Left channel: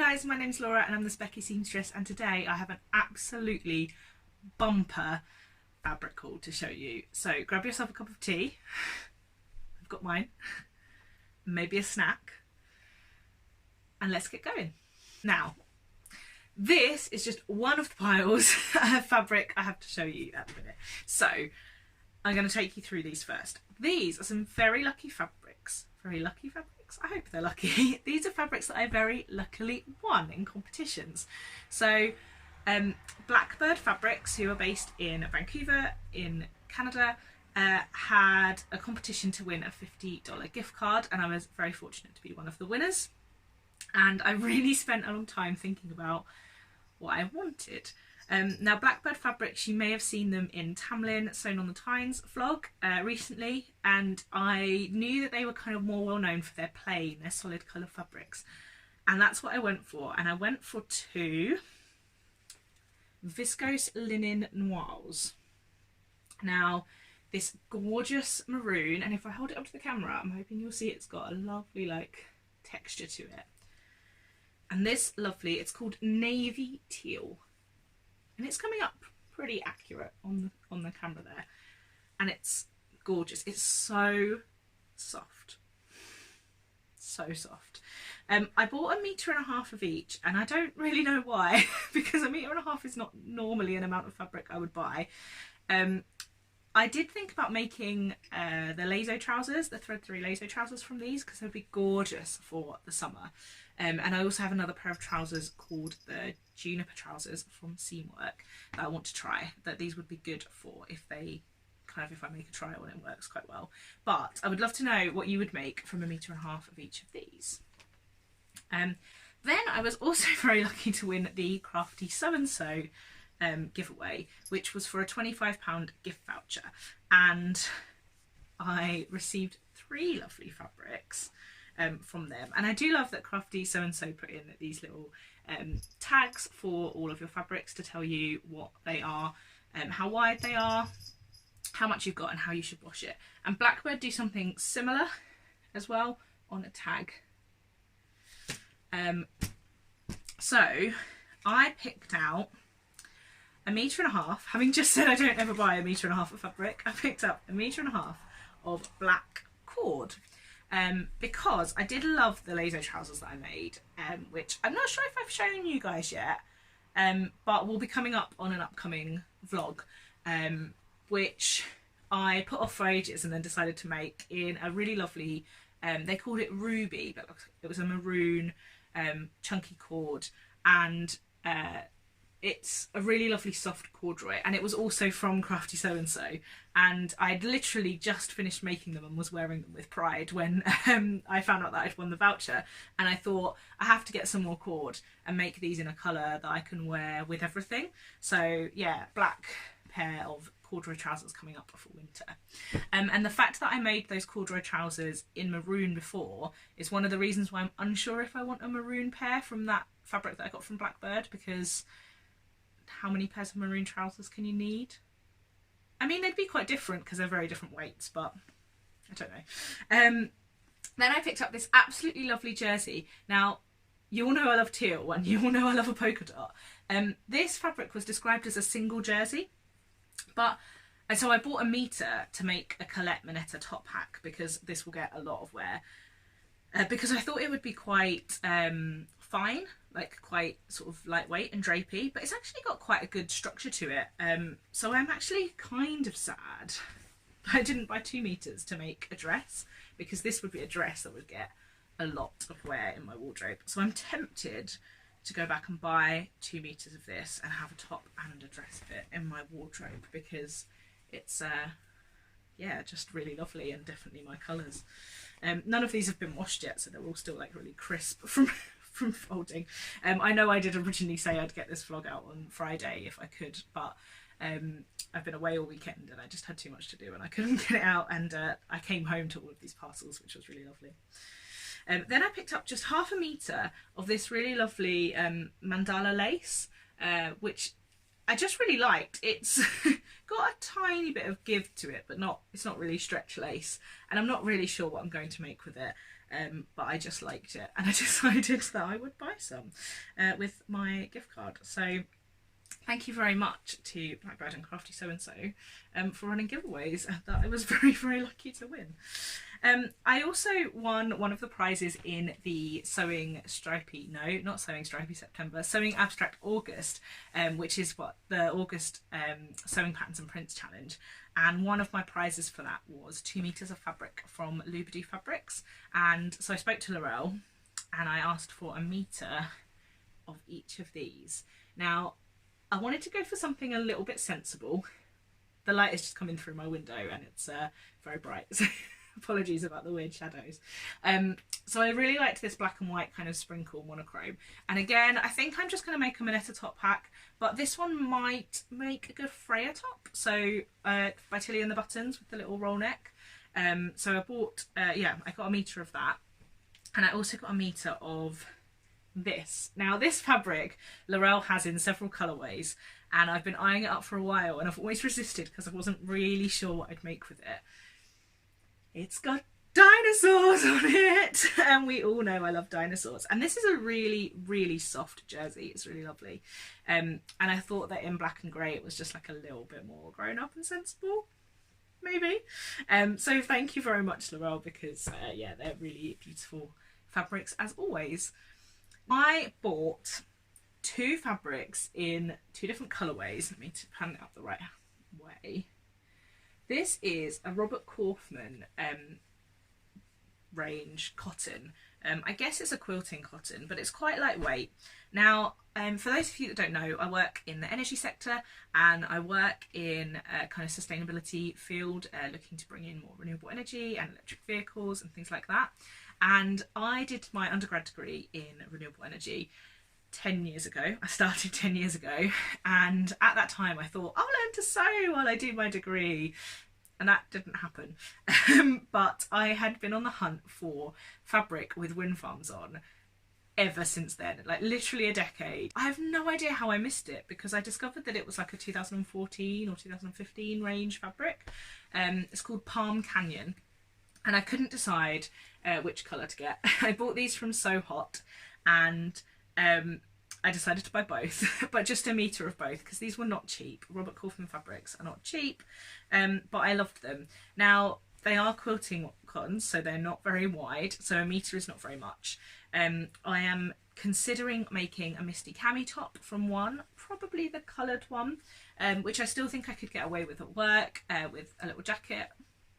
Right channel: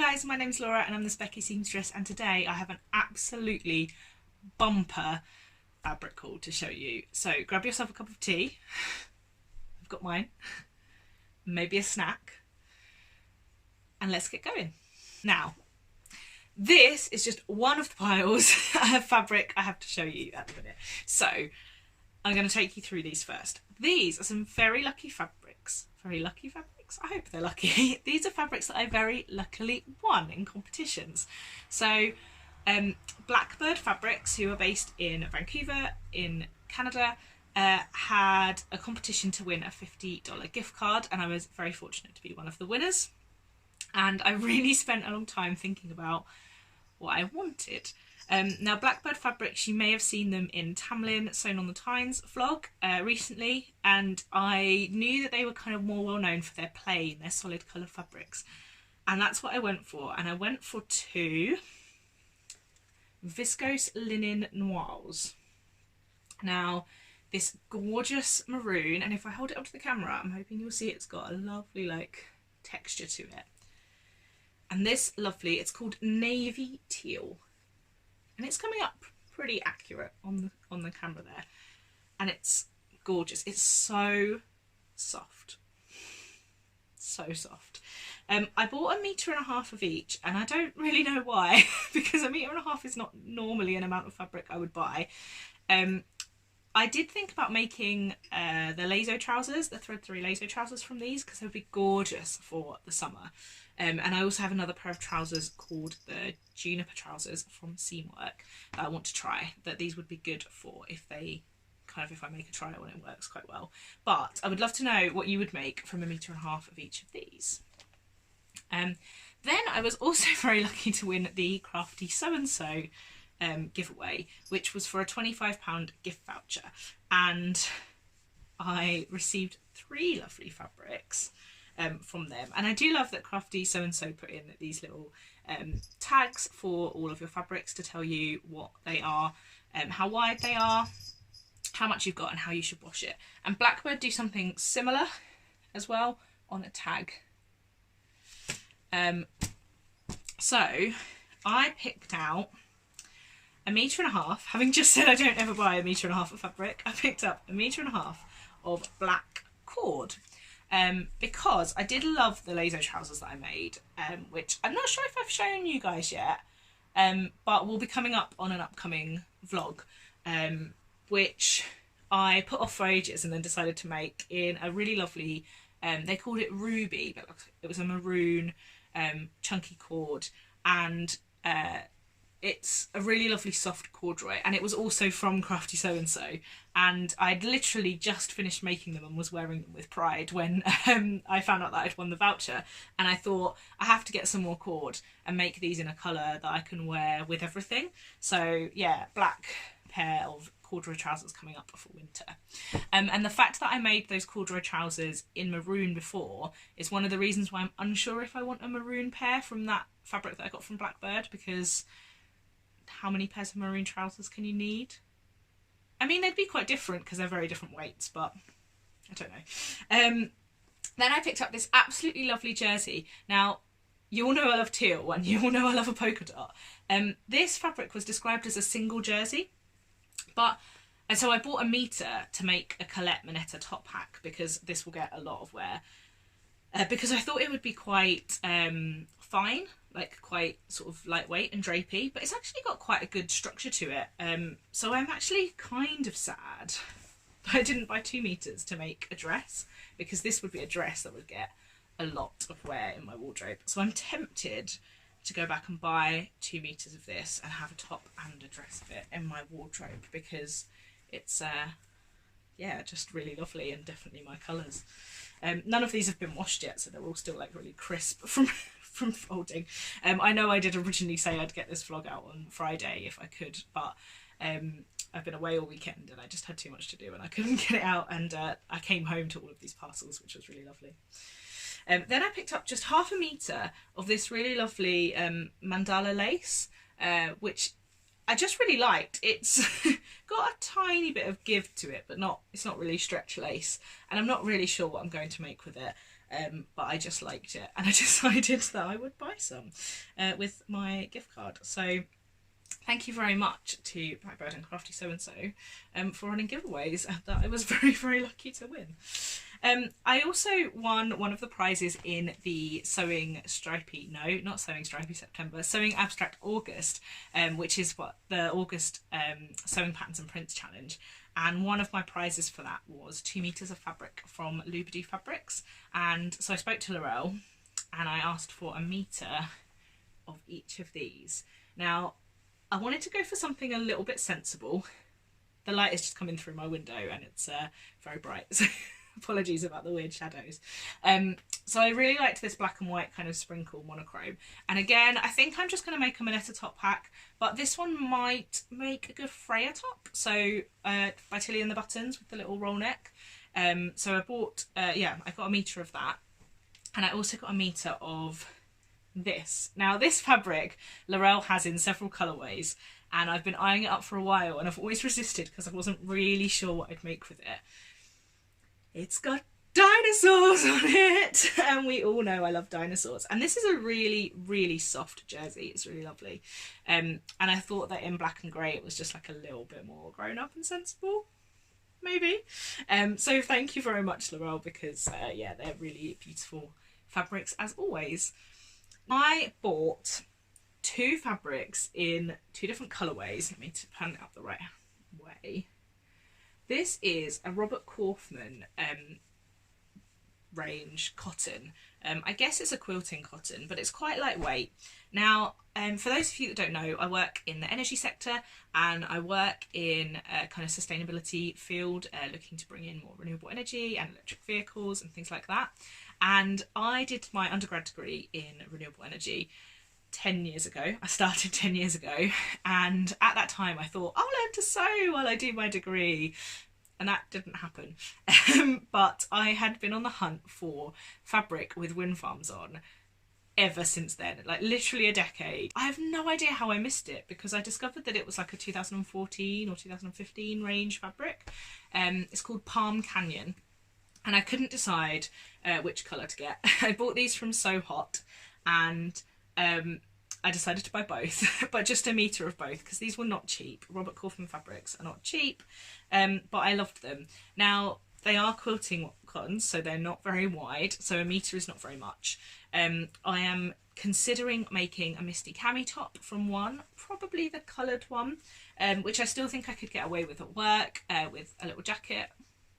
guys, my name's Laura and I'm the Specky Seamstress, and today I have an absolutely bumper fabric haul to show you. So grab yourself a cup of tea, I've got mine, maybe a snack, and let's get going. Now, this is just one of the piles of fabric I have to show you at the minute. So I'm going to take you through these first. These are some very lucky fabrics. Very lucky fabrics? I hope they're lucky. These are fabrics that I very luckily won in competitions. So Blackbird Fabrics, who are based in Vancouver in Canada, had a competition to win a $50 gift card, and I was very fortunate to be one of the winners. And I really spent a long time thinking about what I wanted. Now, Blackbird Fabrics, you may have seen them in Tamlin Sewn on the Tynes vlog recently, and I knew that they were kind of more well known for their plain, their solid colour fabrics, and that's what I went for. And I went for two viscose linen noirs. Now, this gorgeous maroon, and if I hold it up to the camera, I'm hoping you'll see it's got a lovely like texture to it. And this lovely, it's called navy teal. And it's coming up pretty accurate on the camera there. And it's gorgeous. It's so soft. So soft. I bought 1.5 meters of each, and I don't really know why, because 1.5 meters is not normally an amount of fabric I would buy. I did think about making the lazo trousers, the thread 3 lazo trousers from these, because they'd be gorgeous for the summer. And I also have another pair of trousers called the Juniper trousers from Seamwork that I want to try, that these would be good for if I make a trial and it works quite well. But I would love to know what you would make from 1.5 meters of each of these. Then I was also very lucky to win the Crafty So-and-So giveaway, which was for a £25 gift voucher. And I received 3 lovely fabrics from them, and I do love that Crafty So-and-So put in these little tags for all of your fabrics to tell you what they are, how wide they are, how much you've got, and how you should wash it. And Blackbird do something similar as well on a tag. So I picked out 1.5 meters, having just said I don't ever buy 1.5 meters of fabric. I picked up 1.5 meters of black cord. Because I did love the lazo trousers that I made, which I'm not sure if I've shown you guys yet, but will be coming up on an upcoming vlog, which I put off for ages and then decided to make in a really lovely, they called it ruby, but it was a maroon chunky cord, and it's a really lovely soft corduroy, and it was also from Crafty So-and-So, and I'd literally just finished making them and was wearing them with pride when I found out that I'd won the voucher, and I thought I have to get some more cord and make these in a colour that I can wear with everything. So yeah, black pair of corduroy trousers coming up for winter. And the fact that I made those corduroy trousers in maroon before is one of the reasons why I'm unsure if I want a maroon pair from that fabric that I got from Blackbird, because how many pairs of maroon trousers can you need? I mean, they'd be quite different because they're very different weights, but I don't know. Then I picked up this absolutely lovely jersey. Now, you all know I love teal, and you all know I love a polka dot. This fabric was described as a single jersey, but so I bought 1 meter to make a Colette Moneta top hack, because this will get a lot of wear. Because I thought it would be quite fine, like quite sort of lightweight and drapey, but it's actually got quite a good structure to it. So I'm actually kind of sad that I didn't buy 2 meters to make a dress, because this would be a dress that would get a lot of wear in my wardrobe. So I'm tempted to go back and buy 2 meters of this and have a top and a dress of it in my wardrobe, because it's yeah, just really lovely and definitely my colours. None of these have been washed yet, so they're all still like really crisp from folding. I know I did originally say I'd get this vlog out on Friday if I could, but I've been away all weekend and I just had too much to do and I couldn't get it out, and I came home to all of these parcels, which was really lovely. Then I picked up just 0.5 meter of this really lovely mandala lace, which I just really liked. It's got a tiny bit of give to it, but it's not really stretch lace, and I'm not really sure what I'm going to make with it. but I just liked it and I decided that I would buy some with my gift card. So thank you very much to Blackbird and Crafty So-and-So for running giveaways that I was very, very lucky to win. I also won one of the prizes in the Sewing Stripey September, Sewing Abstract August, which is what the August Sewing Patterns and Prints Challenge. And one of my prizes for that was 2 meters of fabric from Loubadou Fabrics. And so I spoke to Laurel and I asked for a meter of each of these. Now, I wanted to go for something a little bit sensible. The light is just coming through my window and it's very bright, so apologies about the weird shadows. So I really liked this black and white kind of sprinkle monochrome. And again, I think I'm just going to make a Minetta top pack, but this one might make a good Freya top. So by Tilly and the Buttons with the little roll neck. So I bought, I got a meter of that. And I also got a meter of this. Now this fabric Laurel has in several colourways and I've been eyeing it up for a while and I've always resisted because I wasn't really sure what I'd make with it. It's got dinosaurs on it and we all know I love dinosaurs, and this is a really, really soft jersey. It's really lovely, and I thought that in black and grey it was just like a little bit more grown up and sensible, maybe. So thank you very much, Laurel, because yeah, they're really beautiful fabrics as always. I bought 2 fabrics in 2 different colourways. Let me pan it up the right way. This is a Robert Kaufman range cotton. I guess it's a quilting cotton, but it's quite lightweight. Now, for those of you that don't know, I work in the energy sector and I work in a kind of sustainability field, looking to bring in more renewable energy and electric vehicles and things like that. And I did my undergrad degree in renewable energy 10 years ago. I started 10 years ago, and at that time I thought I'll learn to sew while I do my degree, and that didn't happen. But I had been on the hunt for fabric with wind farms on ever since then, like literally a decade. I have no idea how I missed it, because I discovered that it was like a 2014 or 2015 range fabric. It's called Palm Canyon, and I couldn't decide which colour to get. I bought these from So Hot, and I decided to buy both, but just a meter of both, because these were not cheap. Robert Kaufman fabrics are not cheap, but I loved them. Now, they are quilting cottons, so they're not very wide, so a meter is not very much. I am considering making a Misty cami top from one, probably the coloured one, which I still think I could get away with at work, with a little jacket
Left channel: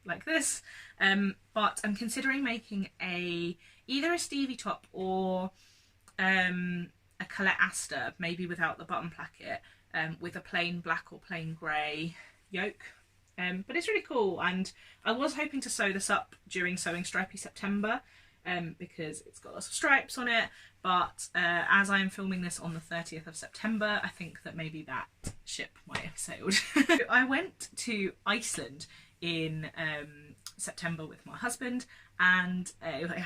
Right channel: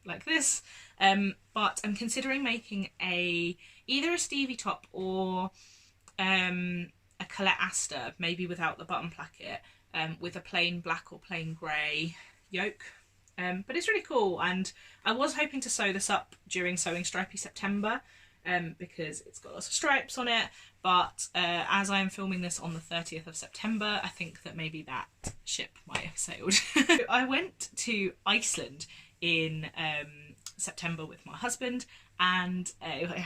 like this. But I'm considering making either a Stevie top or a Colette Aster, maybe without the button placket, with a plain black or plain grey yoke. But it's really cool, and I was hoping to sew this up during Sewing Stripey September, because it's got lots of stripes on it, but as I am filming this on the 30th of September, I think that maybe that ship might have sailed. I went to Iceland in September with my husband, and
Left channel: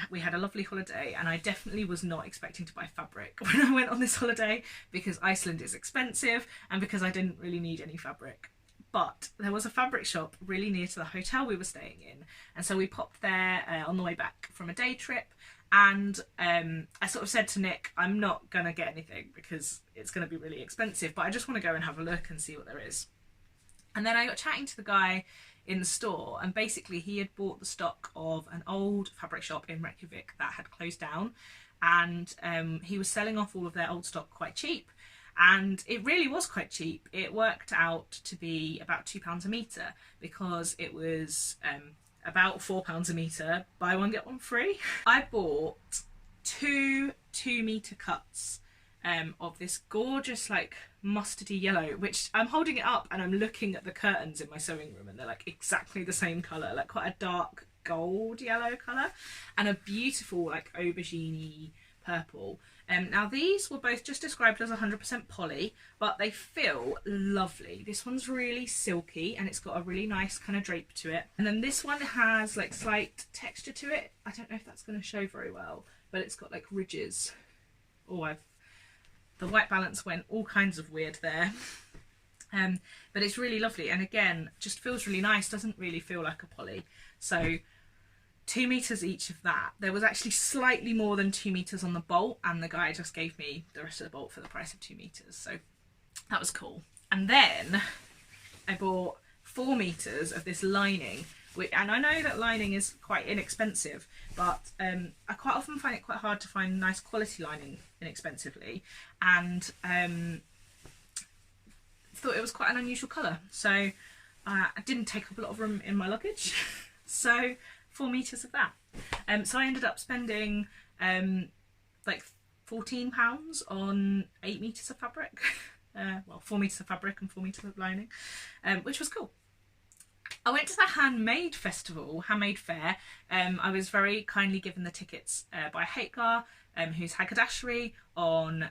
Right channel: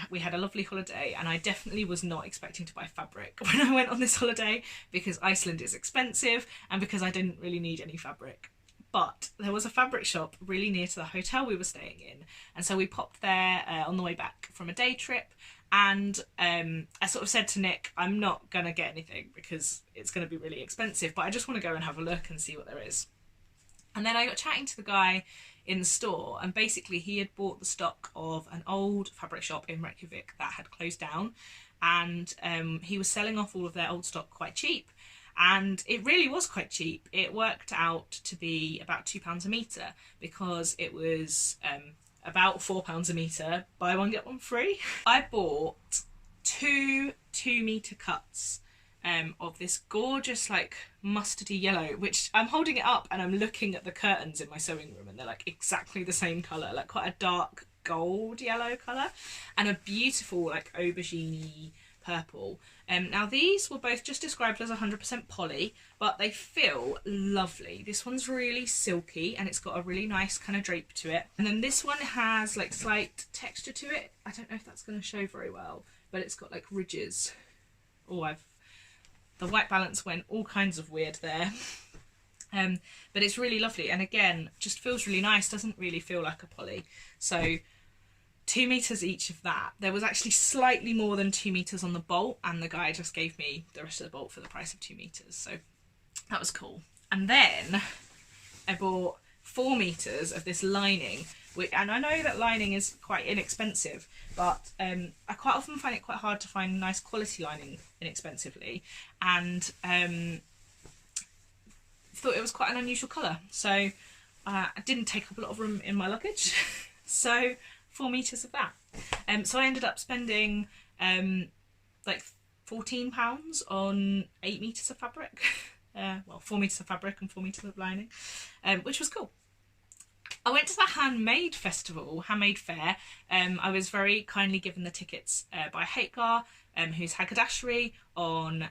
we had a lovely holiday, and I definitely was not expecting to buy fabric when I went on this holiday, because Iceland is expensive and because I didn't really need any fabric. But there was a fabric shop really near to the hotel we were staying in, and so we popped there on the way back from a day trip, and I sort of said to Nick, I'm not gonna get anything because it's gonna be really expensive, but I just want to go and have a look and see what there is. And then I got chatting to the guy in the store, and basically he had bought the stock of an old fabric shop in Reykjavik that had closed down, and he was selling off all of their old stock quite cheap. And it really was quite cheap. It worked out to be about £2 a metre, because it was about £4 a metre, buy one get one free. I bought 2 2-metre cuts of this gorgeous like mustardy yellow, which I'm holding it up and I'm looking at the curtains in my sewing room and they're like exactly the same colour, like quite a dark gold yellow colour, and a beautiful like aubergine purple. Now these were both just described as 100% poly, but they feel lovely. This one's really silky and it's got a really nice kind of drape to it, and then this one has like slight texture to it. I don't know if that's going to show very well, but it's got like ridges. Oh, the white balance went all kinds of weird there. But it's really lovely, and again just feels really nice, doesn't really feel like a poly. So 2 meters each of that. There was actually slightly more than 2 meters on the bolt, and the guy just gave me the rest of the bolt for the price of 2 meters, so that was cool. And then I bought 4 meters of this lining, and I know that lining is quite inexpensive, but I quite often find it quite hard to find nice quality lining inexpensively, and thought it was quite an unusual colour, so I didn't take up a lot of room in my luggage. So 4 meters of that. So I ended up spending like £14 on 8 meters of fabric. Well, 4 meters of fabric and 4 meters of lining, which was cool. I went to the Handmade festival, Handmade fair. I was very kindly given the tickets by Hagar, who's Haggadashery on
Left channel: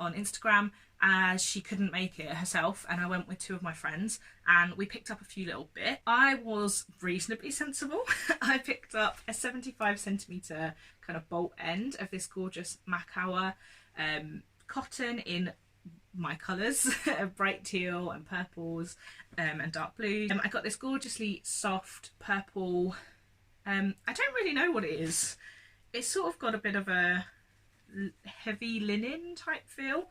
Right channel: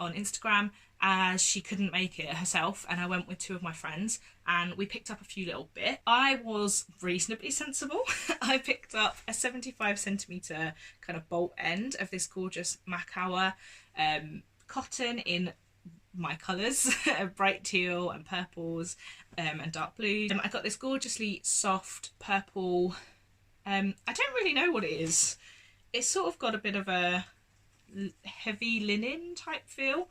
Instagram, as she couldn't make it herself, and I went with 2 of my friends and we picked up a few little bits. I was reasonably sensible. I picked up a 75cm kind of bolt end of this gorgeous Macawa cotton in my colours, bright teal and purples and dark blue. I got this gorgeously soft purple, I don't really know what it is. It's sort of got a bit of a heavy linen type feel,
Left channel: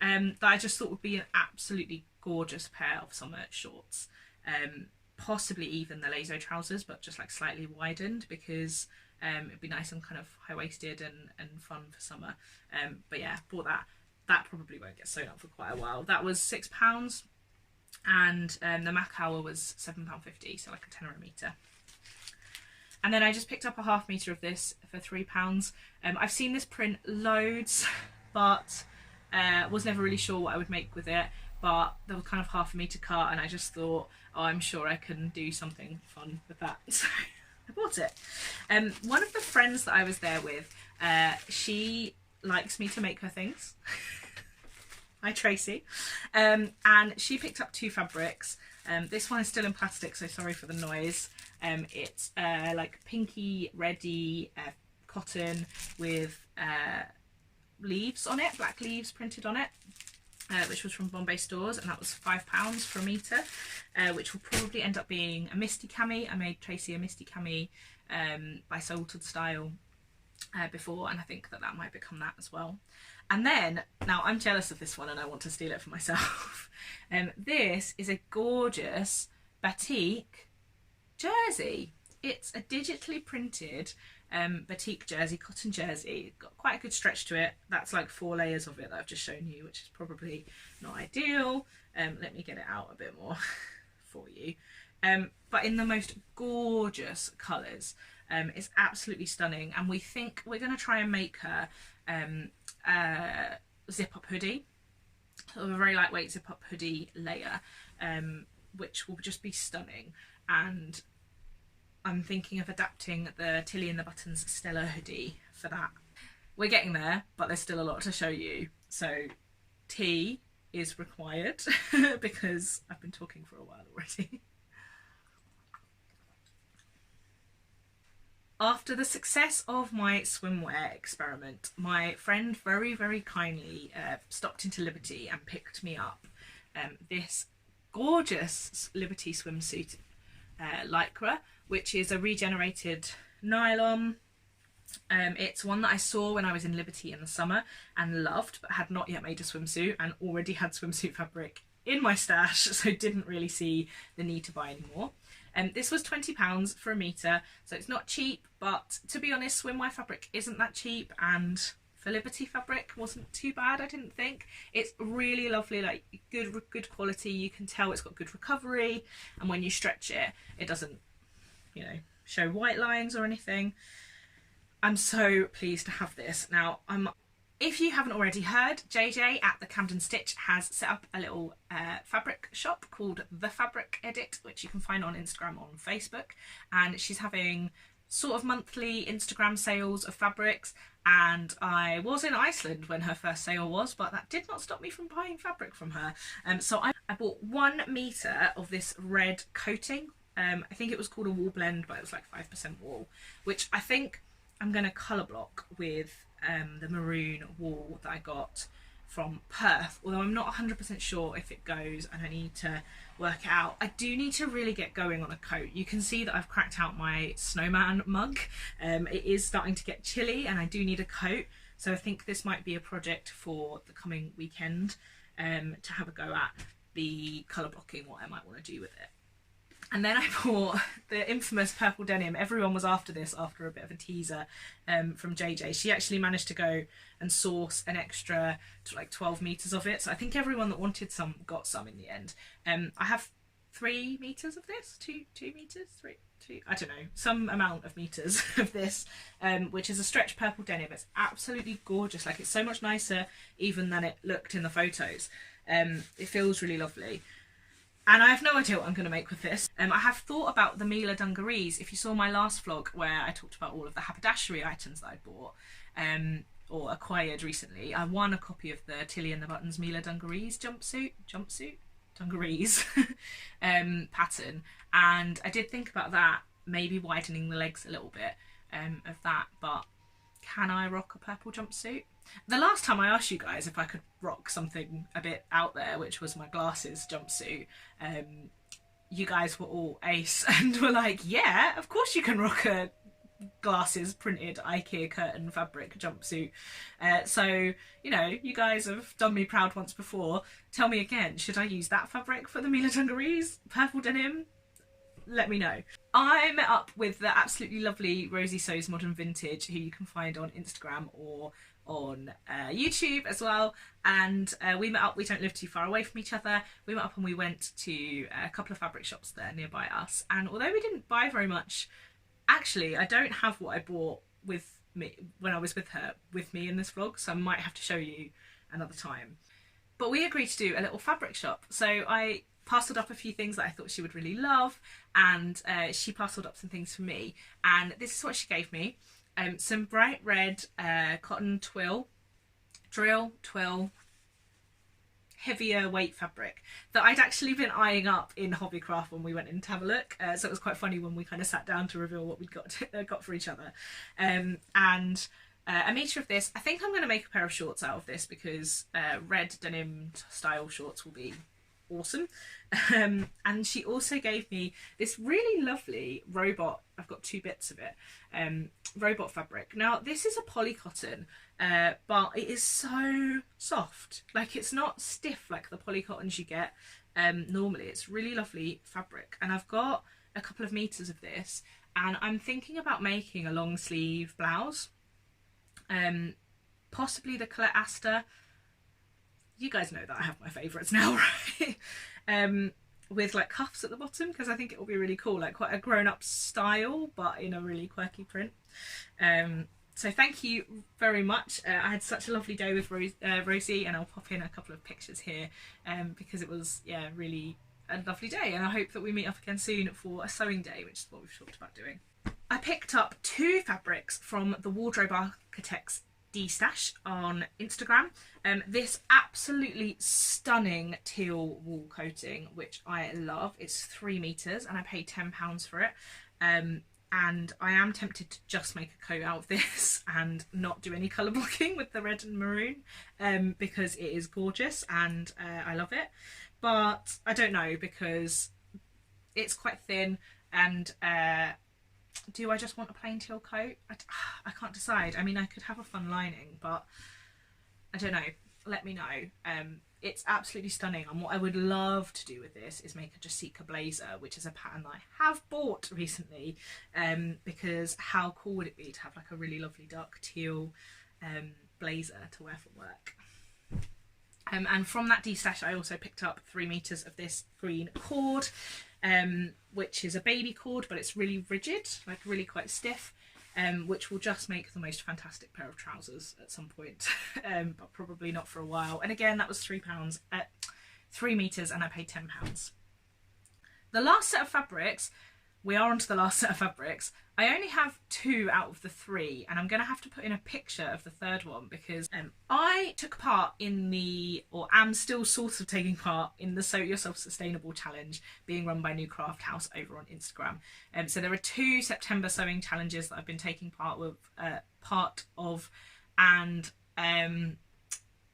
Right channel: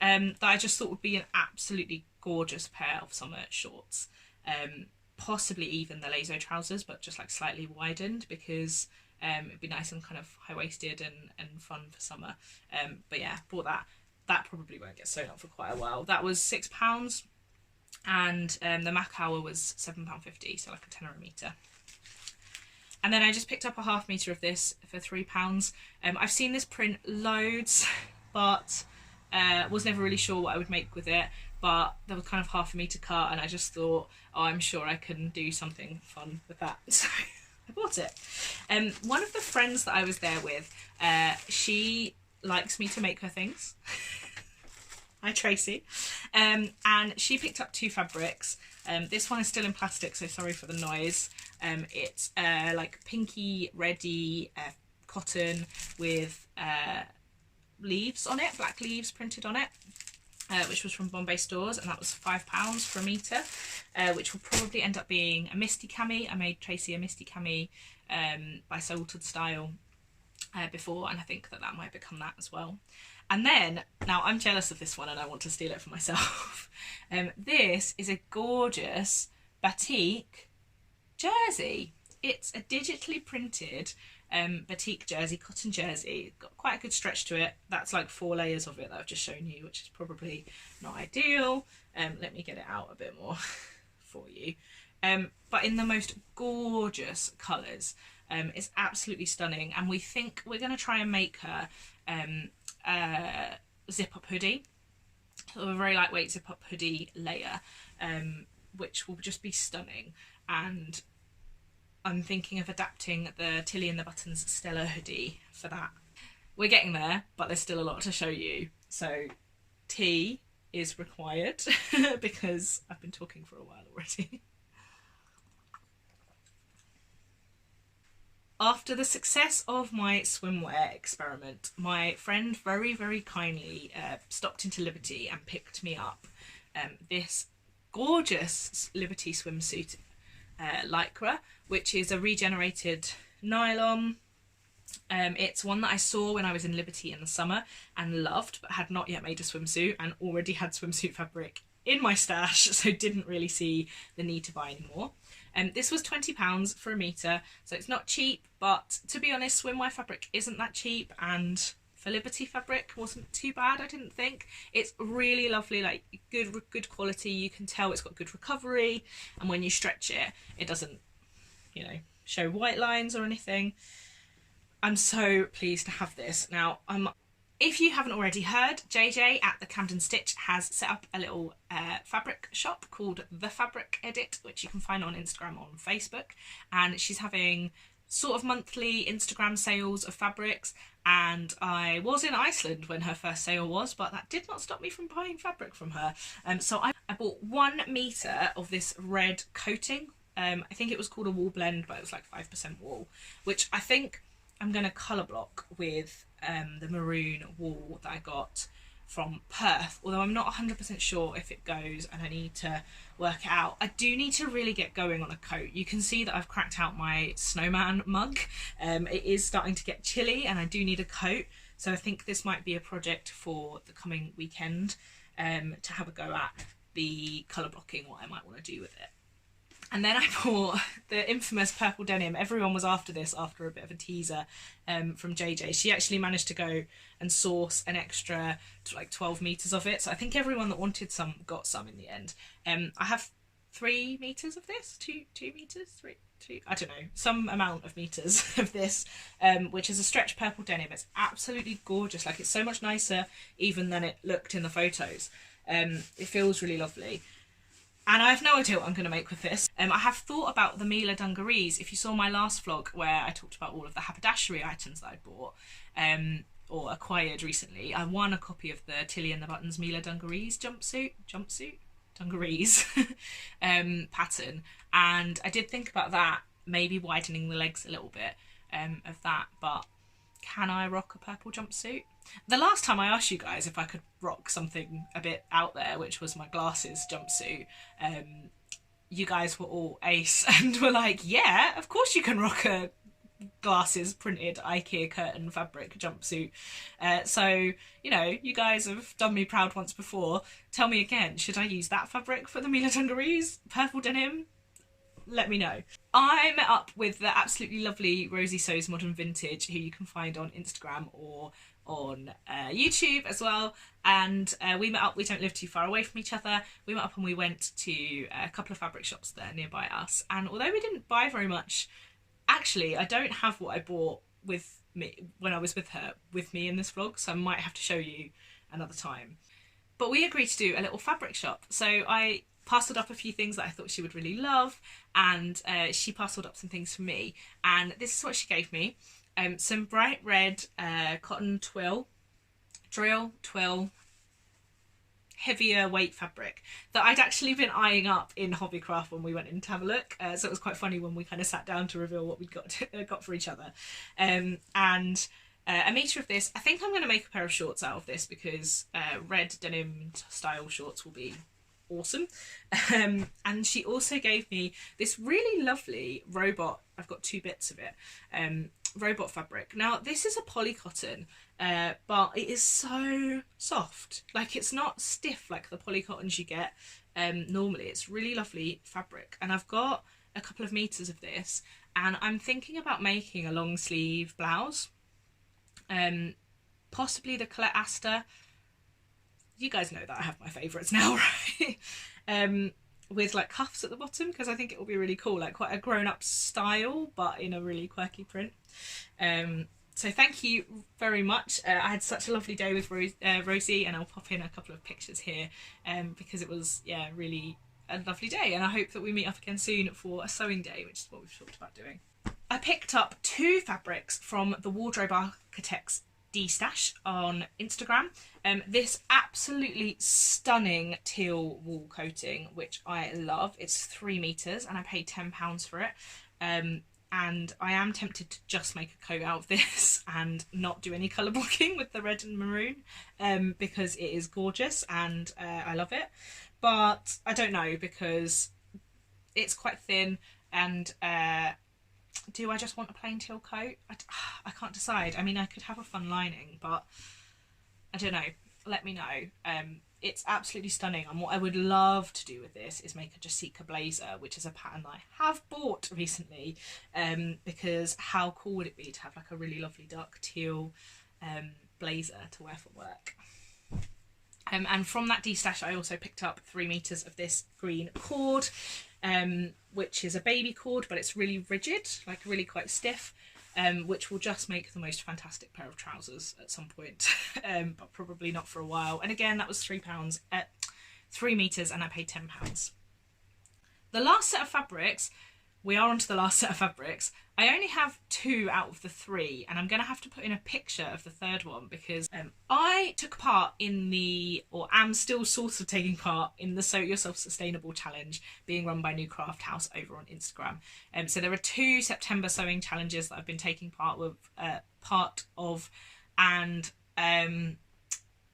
that I just thought would be an absolutely gorgeous pair of summer shorts. Possibly even the Lazo trousers, but just like slightly widened, because it'd be nice and kind of high-waisted and fun for summer. But yeah, bought that. That probably won't get sewn up for quite a while. That was £6, and the Macawa was £7.50, so like a tenner a metre. And then I just picked up a ½ metre of this for £3. I've seen this print loads, but was never really sure what I would make with it. But there was kind of ½ metre cut, and I just thought, oh, I'm sure I can do something fun with that. So I bought it. One of the friends that I was there with, she likes me to make her things. Hi Tracy. And she picked up 2 fabrics. This one is still in plastic, so sorry for the noise. It's like pinky reddy cotton with leaves on it, black leaves printed on it, which was from Bombay Stores, and that was £5 for a metre, which will probably end up being a misty cami. I made Tracy a misty cami by Salted Style before, and I think that might become that as well. And then, now I'm jealous of this one and I want to steal it for myself. This is a gorgeous batik jersey. It's a digitally printed batik jersey, cotton jersey. Got quite a good stretch to it. That's like 4 layers of it that I've just shown you, which is probably not ideal. Let me get it out a bit more for you. But in the most gorgeous colours. It's absolutely stunning, and we think we're going to try and make her zip-up hoodie, so a very lightweight zip-up hoodie layer, which will just be stunning. And I'm thinking of adapting the Tilly and the Buttons Stella hoodie for that. We're getting there, but there's still a lot to show you, so tea is required because I've been talking for a while already. After the success of my swimwear experiment, my friend very, very kindly stopped into Liberty and picked me up this gorgeous Liberty swimsuit lycra, which is a regenerated nylon. It's one that I saw when I was in Liberty in the summer and loved, but had not yet made a swimsuit, and already had swimsuit fabric in my stash, so didn't really see the need to buy any more. This was £20 for a metre, so it's not cheap, but to be honest, swimwear fabric isn't that cheap, and for Liberty fabric wasn't too bad, I didn't think. It's really lovely, like good quality. You can tell it's got good recovery, and when you stretch it, it doesn't, you know, show white lines or anything. I'm so pleased to have this. Now, if you haven't already heard, JJ at the Camden Stitch has set up a little fabric shop called The Fabric Edit, which you can find on Instagram or on Facebook, and she's having sort of monthly Instagram sales of fabrics, and I was in Iceland when her first sale was, but that did not stop me from buying fabric from her. So I bought 1 metre of this red coating. I think it was called a wool blend, but it was like 5% wool, which I think I'm going to colour block with the maroon wool that I got from Perth, although I'm not 100% sure if it goes, and I need to work it out. I do need to really get going on a coat. You can see that I've cracked out my snowman mug. It is starting to get chilly and I do need a coat. So I think this might be a project for the coming weekend, to have a go at the colour blocking, what I might want to do with it. And then I bought the infamous purple denim. Everyone was after this after a bit of a teaser from JJ. She actually managed to go and source an extra like 12 meters of it. So I think everyone that wanted some got some in the end. I have 3 meters of this, 2 meters, 3, I don't know, some amount of meters of this, which is a stretch purple denim. It's absolutely gorgeous. Like, it's so much nicer even than it looked in the photos. It feels really lovely. And I have no idea what I'm going to make with this. I have thought about the Mila dungarees. If you saw my last vlog where I talked about all of the haberdashery items that I bought or acquired recently, I won a copy of the Tilly and the Buttons Mila dungarees dungarees pattern. And I did think about that, maybe widening the legs a little bit of that. But can I rock a purple jumpsuit? The last time I asked you guys if I could rock something a bit out there, which was my glasses jumpsuit, you guys were all ace and were like, yeah, of course you can rock a glasses printed IKEA curtain fabric jumpsuit. So, you know, you guys have done me proud once before. Tell me again, should I use that fabric for the Mila dungarees? Purple denim? Let me know. I met up with the absolutely lovely Rosie Sews Modern Vintage, who you can find on Instagram or on YouTube as well, and we met up. We don't live too far away from each other. We met up and we went to a couple of fabric shops there nearby us, and although we didn't buy very much, actually I don't have what I bought with me when I was with her with me in this vlog, so I might have to show you another time. But we agreed to do a little fabric shop, so I parcelled up a few things that I thought she would really love, and she parcelled up some things for me, and this is what she gave me. Some bright red cotton drill twill, heavier weight fabric that I'd actually been eyeing up in Hobbycraft when we went in to have a look. So it was quite funny when we kind of sat down to reveal what we'd got for each other. And a metre of this. I think I'm going to make a pair of shorts out of this because red denim style shorts will be awesome. And she also gave me this really lovely robot. I've got 2 bits of it. Robot fabric. Now this is a poly cotton, but it is so soft. Like, it's not stiff like the poly cottons you get normally. It's really lovely fabric, and I've got a couple of meters of this, and I'm thinking about making a long sleeve blouse, possibly the Colette Aster. You guys know that I have my favourites now, right? With like cuffs at the bottom, because I think it will be really cool, like quite a grown-up style but in a really quirky print. So thank you very much. I had such a lovely day with Rosie, and I'll pop in a couple of pictures here because it was, yeah, really a lovely day, and I hope that we meet up again soon for a sewing day, which is what we've talked about doing. I picked up 2 fabrics from the Wardrobe Architects D-Stash on Instagram. This absolutely stunning teal wool coating, which I love. It's 3 meters and I paid £10 for it. And I am tempted to just make a coat out of this and not do any colour blocking with the red and maroon, because it is gorgeous and I love it. But I don't know, because it's quite thin, and do I just want a plain teal coat? I can't decide. I mean, I could have a fun lining, but I don't know. Let me know. It's absolutely stunning, and what I would love to do with this is make a Jessica blazer, which is a pattern that I have bought recently, because how cool would it be to have like a really lovely dark teal blazer to wear for work. And from that D-Stash I also picked up 3 meters of this green cord, which is a baby cord, but it's really rigid, like really quite stiff, which will just make the most fantastic pair of trousers at some point, but probably not for a while. And again, that was £3 at 3 meters, and I paid £10. The last set of fabrics, we are onto the last set of fabrics. I only have 2 out of the 3, and I'm going to have to put in a picture of the third one because I took part in the, or am still sort of taking part in the Sew Yourself Sustainable Challenge being run by New Craft House over on Instagram. So there are 2 September sewing challenges that I've been taking part of, and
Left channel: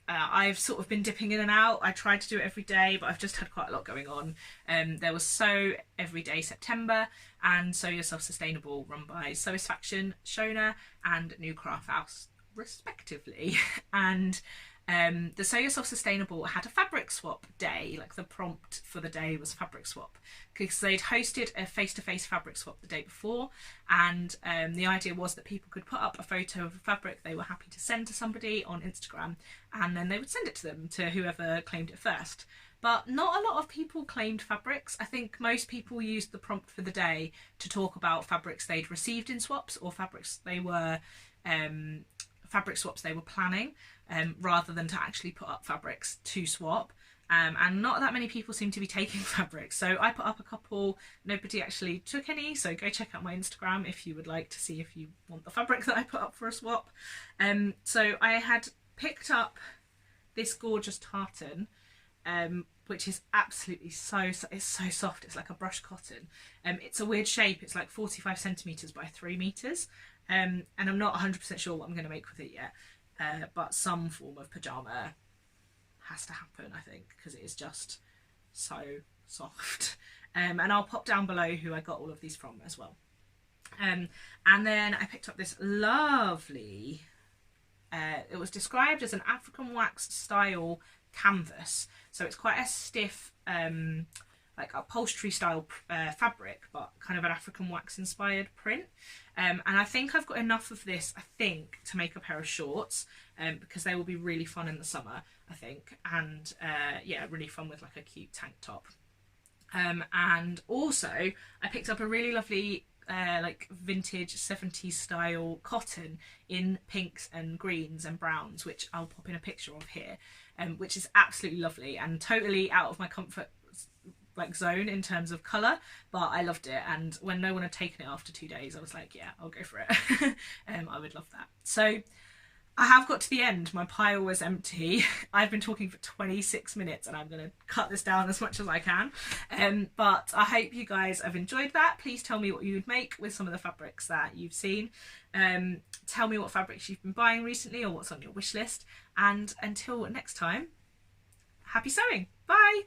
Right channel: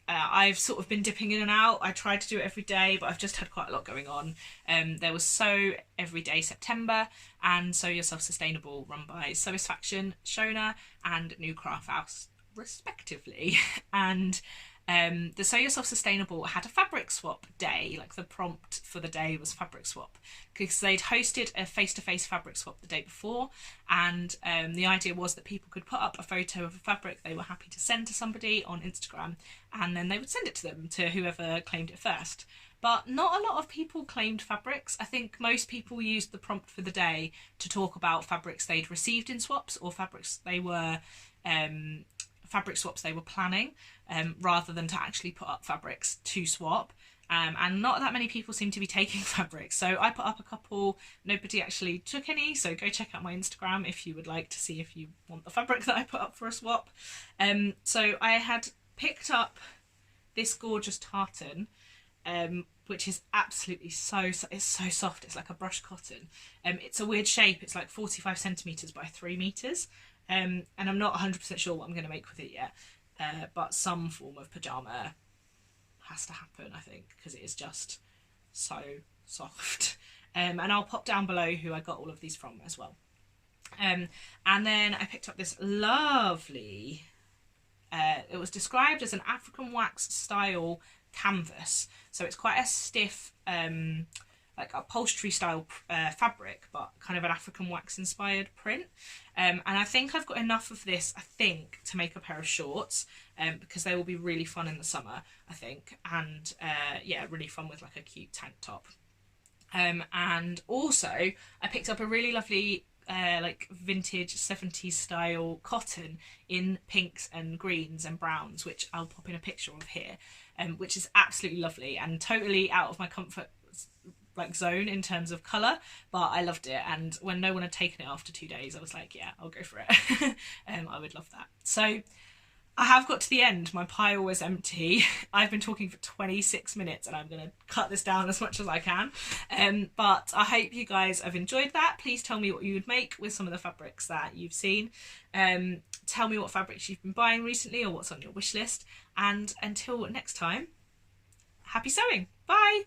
I've sort of been dipping in and out. I tried to do it every day, but I've just had quite a lot going on. There was Sew Everyday September and Sew Yourself Sustainable, run by Satisfaction, Shona and New Craft House, respectively. And the Sew Yourself Sustainable had a fabric swap day. Like, the prompt for the day was fabric swap, because they'd hosted a face-to-face fabric swap the day before, and the idea was that people could put up a photo of a fabric they were happy to send to somebody on Instagram, and then they would send it to them, to whoever claimed it first. But not a lot of people claimed fabrics. I think most people used the prompt for the day to talk about fabrics they'd received in swaps, or fabrics they were fabric swaps they were planning, rather than to actually put up fabrics to swap. And not that many people seem to be taking fabrics, so I put up a couple. Nobody actually took any, so go check out my Instagram if you would like to see if you want the fabric that I put up for a swap. So I had picked up this gorgeous tartan, which is absolutely it's so soft. It's like a brush cotton. It's a weird shape. It's like 45 centimeters by 3 meters, and I'm not 100% sure what I'm going to make with it yet, but some form of pajama has to happen, I think, because it is just so soft. And I'll pop down below who I got all of these from as well. And then I picked up this lovely, it was described as an African wax style canvas, so it's quite a stiff, like upholstery style fabric, but kind of an African wax inspired print. And I think I've got enough of this, I think, to make a pair of shorts, because they will be really fun in the summer, I think. And yeah, really fun with like a cute tank top. And also I picked up a really lovely like vintage 70s style cotton in pinks and greens and browns, which I'll pop in a picture of here, which is absolutely lovely and totally out of my comfort like zone in terms of colour, but I loved it. And when no one had taken it after 2 days, I was like, yeah, I'll go for it. I would love that. So I have got to the end. My pile was empty. I've been talking for 26 minutes and I'm going to cut this down as much as I can. But I hope you guys have enjoyed that. Please tell me what you would make with some of the fabrics that you've seen. Tell me what fabrics you've been buying recently or what's on your wish list. And until next time, happy sewing. Bye.